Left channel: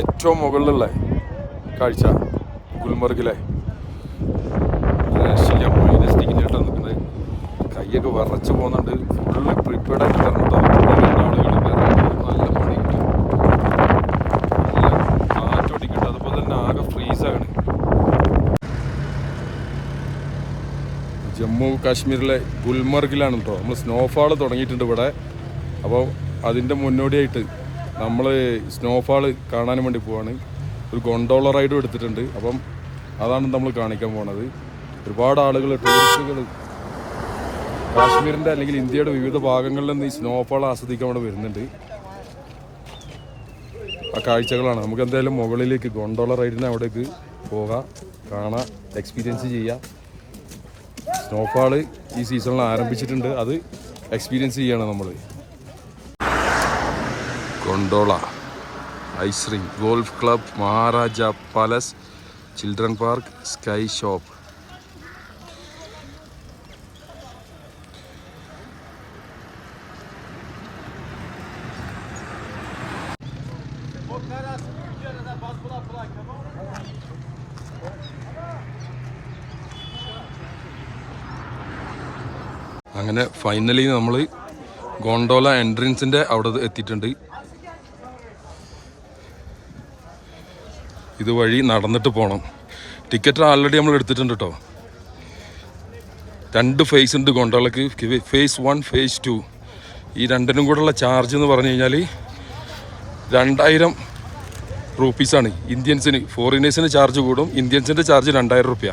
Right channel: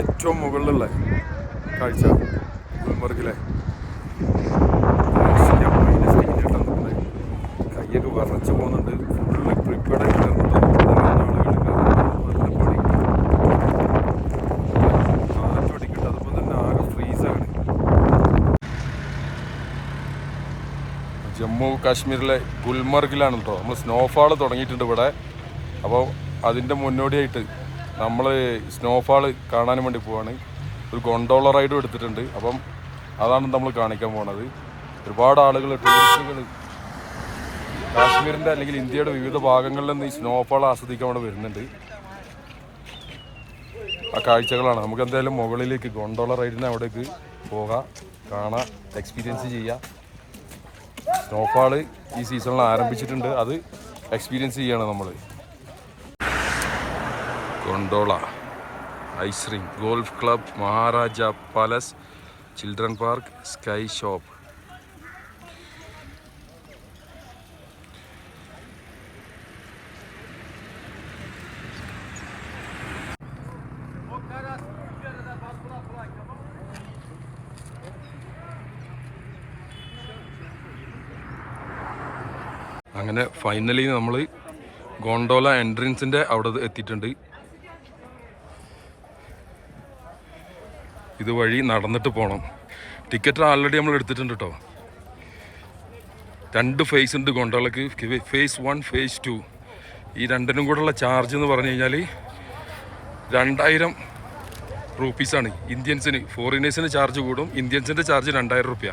ഏറ്റവും മുകളിലുള്ള കാഴ്ച ഗുൽമർഗിലെ കൈയൊക്കെ വിറച്ച് പോകുന്നുണ്ട്. ഫുള്ള് പ്രിപ്പയർഡായിട്ട് തരുന്നുണ്ടോ ആളുകൾ നല്ല പണി നല്ല കാറ്റോടിക്കിട്ട് അതുപോലെ തന്നെ ആകെ ഫ്രീസാണ്. ജമ്മു കാശ്മീരിലെ ഗുൽമർഗിലാണ് കേട്ടോ നമ്മൾ സ്നോഫാൾ തുടങ്ങിയിട്ടുണ്ട് ഇവിടെ. അപ്പോൾ അതിൻ്റെ മുന്നോടിയായിട്ട് നമ്മൾ സ്നോഫാൾ കാണാൻ വേണ്ടി പോവാണ്. ഒരു ഗൊണ്ടോള റൈഡും എടുത്തിട്ടുണ്ട്. അപ്പം അതാണ് നമ്മൾ കാണിക്കാൻ പോണത്. ഒരുപാട് ആളുകൾ ടൂറിസ്റ്റുകൾ കാശ്മീരിൻ്റെ അല്ലെങ്കിൽ ഇന്ത്യയുടെ വിവിധ ഭാഗങ്ങളിൽ നിന്ന് ഈ സ്നോഫാൾ ആസ്വദിക്കാൻ ഇവിടെ വരുന്നുണ്ട്. ആ കാഴ്ചകളാണ്. നമുക്ക് എന്തായാലും മുകളിലേക്ക് ഗൊണ്ടോള റൈഡിന് അവിടേക്ക് പോകാം, കാണാം, എക്സ്പീരിയൻസ് ചെയ്യാം. സ്നോഫാൾ ഈ സീസണിൽ ആരംഭിച്ചിട്ടുണ്ട്, അത് എക്സ്പീരിയൻസ് ചെയ്യണം നമ്മൾ. Gondola, ice rink, golf club, Maharaja palace, children park, sky shop. അങ്ങനെ ഫൈനലി നമ്മൾ ഗോണ്ടോല എൻട്രൻസിൻ്റെ അവിടെ എത്തിയിട്ടുണ്ട്. ഇതുവഴി നടന്നിട്ട് പോകണം. ടിക്കറ്റ് ആൾറെഡി നമ്മൾ എടുത്തിട്ടുണ്ട് കേട്ടോ. 2 ഫേസ് ഉണ്ട് ഗോണ്ടോളക്ക്, ഫേസ് 1, ഫേസ് 2. ഈ രണ്ടിനും കൂടെയുള്ള ചാർജ് എന്ന് പറഞ്ഞു കഴിഞ്ഞാൽ 2000 റുപ്പീസാണ് ഇന്ത്യൻസിന്. ഫോറിനേഴ്സിന് ചാർജ് കൂടും, ഇന്ത്യൻസിൻ്റെ ചാർജ് 2000 റുപ്യ.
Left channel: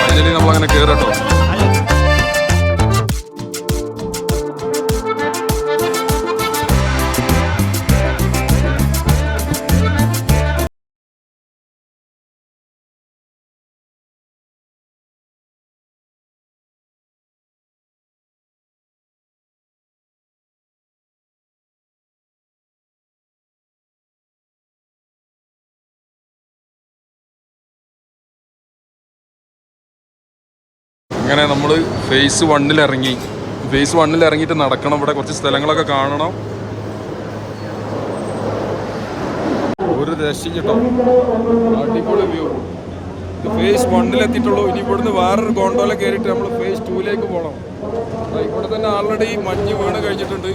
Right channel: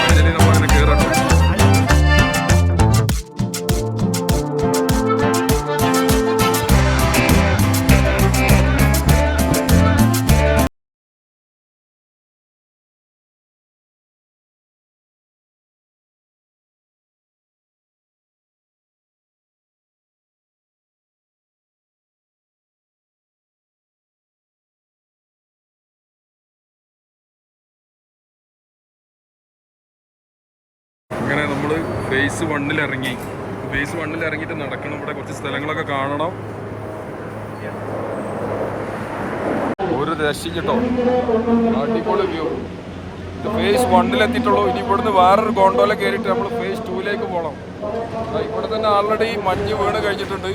ഫൈനലി നമ്മളങ്ങനെ കയറട്ടോ. അങ്ങനെ നമ്മൾ ഫേസ് 1 ഇറങ്ങി. ഫേസ് 1 ഇറങ്ങിയിട്ട് നടക്കണം. ഇവിടെ കുറച്ച് സ്ഥലങ്ങളൊക്കെ കാണണം. ഒരു രക്ഷയും കേട്ടോ, അടിപൊളി വ്യൂ. ഇത് ഫേസ് 1 എത്തിയിട്ടുള്ളൂ. ഇനി ഇവിടുന്ന് വേറൊരു ഗോണ്ടോല കയറിയിട്ട് നമ്മൾ ഫേസ് 2 പോകണം. ഇവിടെ തന്നെ ആൾറെഡി മഞ്ഞ് വീണ് കഴിഞ്ഞിട്ടുണ്ട്.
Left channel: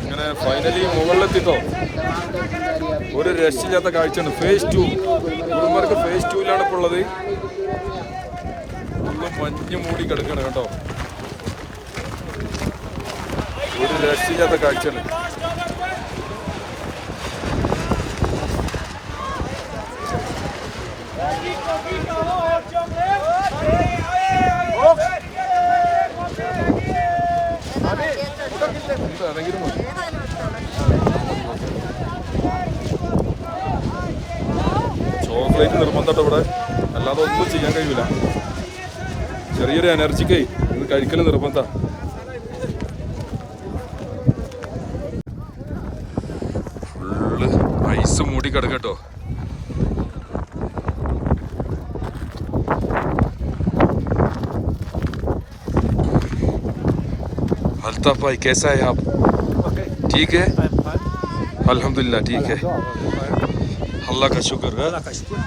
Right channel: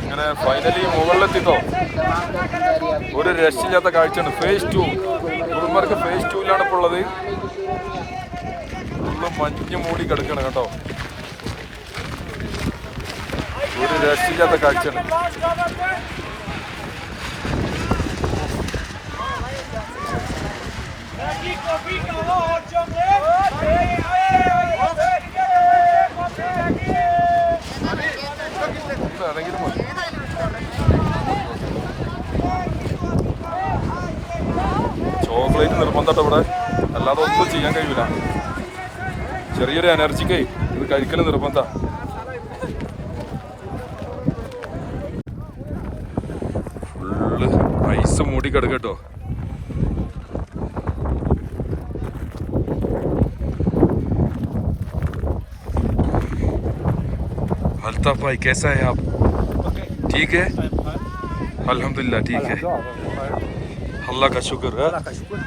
അങ്ങനെ ഫൈനലി മുകളിലെത്തിട്ടോ. ഒരു രക്ഷയില്ലാത്ത കാഴ്ചയാണ്. ഫേസ് 2 ഗുൽമർഗ് ഫേസ് 2 ഇപ്പോൾ ഉള്ളത്. ഫുള്ള് മഞ്ഞ് മൂടി കിടക്കണം കേട്ടോ. ഒരു രക്ഷയില്ലാത്ത കാഴ്ചയാണ്. അതെങ്കിലും മതി. ചോക്ലേറ്റ് നിർബന്ധട്ടോ ഇവിടെ, അല്ലാതെ ഒന്നും ചെയ്യാൻ കഴിയൂല. ചെറിയൊരു എനർജിക്കേ ഇത് കഴിക്കൽ നിർബന്ധ. ഫുള്ള് ഐസ് മൂടി കിടക്കട്ടോ. अल्ताफ भाई कैसा है आप? Okay. ठीक है, I'm fine. अल्हम्दुलिल्लाह ठीक है, अल्लाह का शुक्र है. Allah ka shukr.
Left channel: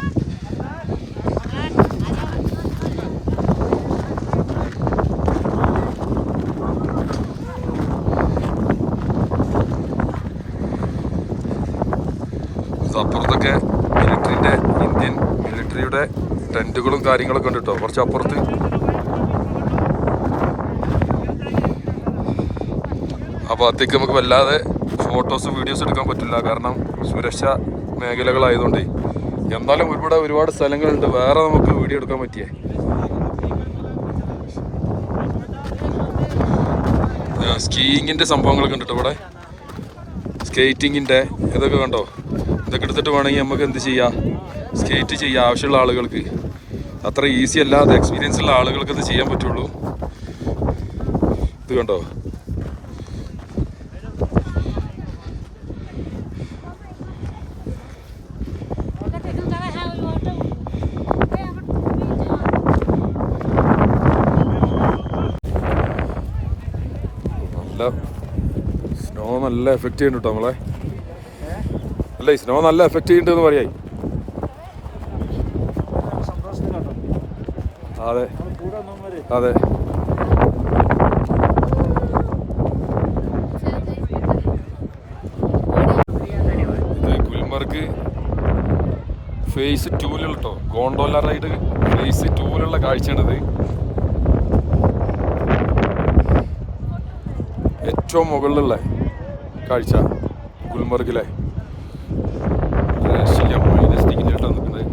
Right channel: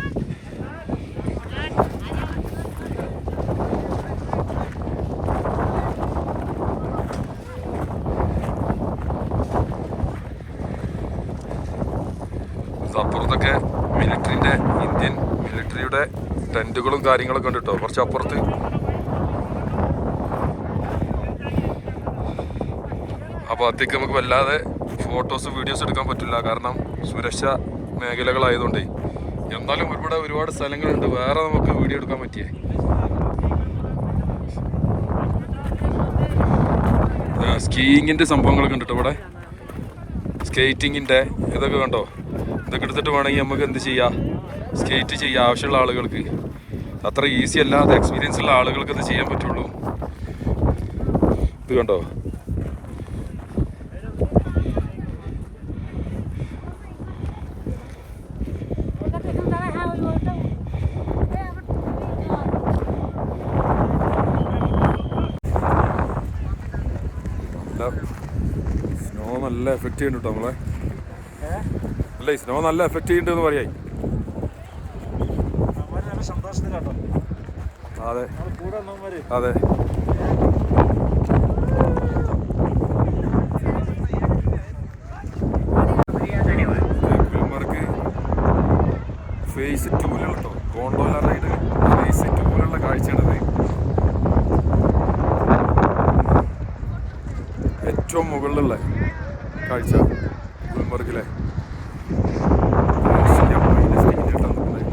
അപ്പുറത്തൊക്കെ ഇന്ത്യൻ മിലിറ്ററിയുടെ ടെന്റുകളും കാര്യങ്ങളൊക്കെ ഉണ്ട് കേട്ടോ, കുറച്ച് അപ്പുറത്ത്. അപ്പോൾ അത്തേക്ക് നമുക്ക് വല്ലാതെ ഫോട്ടോസും വീഡിയോസും എടുക്കാൻ പറ്റില്ല, കാരണം സുരക്ഷാ മേഖലകളായതുകൊണ്ടേ. എന്നാലും ഒരുപാട് സ്ഥലങ്ങളുണ്ട് വേറെ നമുക്ക് വീഡിയോ എടുക്കാൻ പറ്റിയേ. സ്കീയിങ്ങിൻ്റെ സംഭവങ്ങളൊക്കെ ഉണ്ട് കേട്ടോ ഇവിടെ, സ്കേറ്റിങ്ങിൻ്റെ ഇതൊക്കെ കണ്ടോ. ഇതൊക്കെ എടുത്തിട്ട് വേണമെങ്കിൽ നമുക്ക് എന്ത് ചെയ്യാം, സ്കേറ്റ് ചെയ്യാം ആവശ്യമുള്ള ആളുകൾക്ക്. അത്ര ഈസി അല്ല, അത് എക്സ്പീരിയൻസ് ഉള്ള ആളുകൾക്ക് അത് ചെയ്യാൻ പറ്റുള്ളൂ. ഇത് കണ്ടോ, സ്നോ നല്ല എഫക്റ്റ് ചെയ്യുന്നുണ്ട് കേട്ടോ നമ്മളെ. അല്ല, ഈ സ്നോ നല്ല എഫക്റ്റ് ചെയ്യുന്നുണ്ടെന്ന് പറയായി. അതെ അതെ. ഇത് ഗുൽമർഗ് ഫേസ് 2 കേട്ടോ, ഗോണ്ടോല റൈഡ് ഫേസ് 2 കാഴ്ചയാണിത്. ഏറ്റവും മുകളിലുള്ള കാഴ്ച ഗുൽമർഗിലെ. മൈനസ് ഡിഗ്രി ആയിട്ടാണ് നിൽക്കുന്നത്,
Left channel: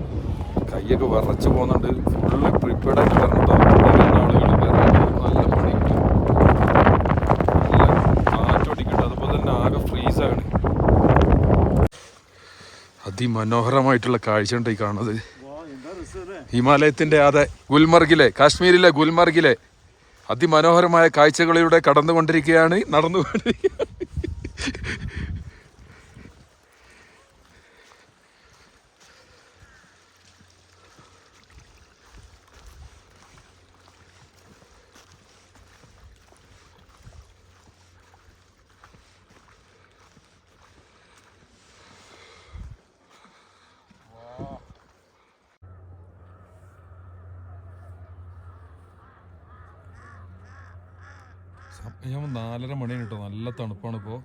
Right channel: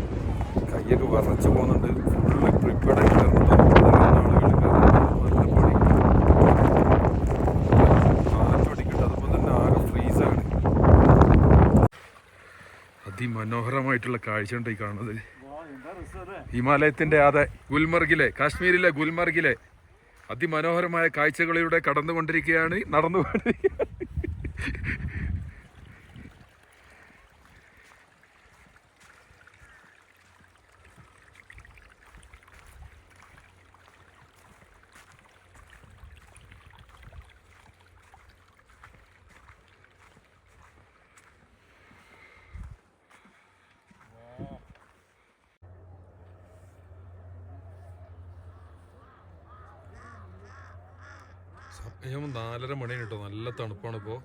കൈയൊക്കെ വിറച്ച് പോകുന്നുണ്ട്. ഫുള്ള് പ്രിപ്പയർഡ് ആയിട്ട് വരുന്നുണ്ടോ ആളുകൾ. നല്ല പണി, നല്ല കാറ്റോടിക്കുന്നുണ്ട്, അതുപോലെ തന്നെ ആകെ ഫ്രീസാണ്. അതിമനോഹരമായിട്ടുള്ള കാഴ്ച ഉണ്ട് ഈ കാണുന്നത്. ഹിമാലയത്തിൻ്റെ അതെ, ഗുൽമർഗിലെ, കാശ്മീരിലെ ഗുൽമർഗിലെ അതിമനോഹരമായ കാഴ്ചകളിലൂടെ നടന്നുകൊണ്ടിരിക്കുകയാണ്. ഞാൻ 4:30 മണിയാണ് കേട്ടോ, നല്ല തണുപ്പാണ് ഇപ്പോൾ.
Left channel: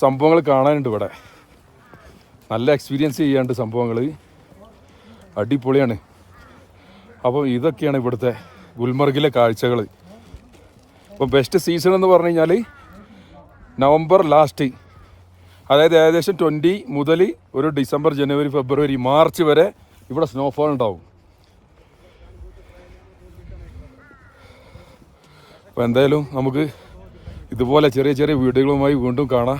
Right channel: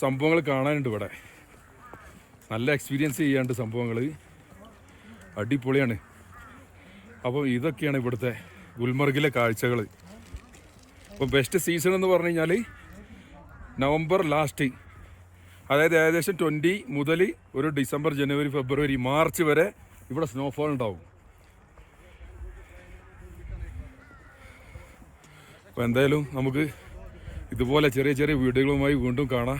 സംഭവങ്ങൾ കാണാനുണ്ട് ഇവിടെ, നല്ല എക്സ്പീരിയൻസ് ചെയ്യാണ്ട് സംഭവങ്ങൾ അടിപൊളിയാണ്. അപ്പോൾ ഇതൊക്കെയാണ് ഇവിടുത്തെ ഗുൽമർഗിലെ കാഴ്ചകൾ. അപ്പോൾ ബെസ്റ്റ് സീസൺ എന്ന് പറഞ്ഞു കഴിഞ്ഞാൽ നവംബർ ലാസ്റ്റ്, അതായത് ഏകദേശം 20 മുതൽ ഒരു ഡിസംബർ, ജനുവരി, ഫെബ്രുവരി, മാർച്ച് വരെ ഇവിടെ സ്നോഫോൾ ഉണ്ടാവും. അപ്പോൾ എന്തായാലും നമുക്ക് ഇതുപോലെ ചെറിയ ചെറിയ വീഡിയോകളുമായി വീണ്ടും കാണാം.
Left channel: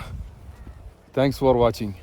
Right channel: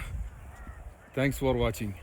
Thanks for watching.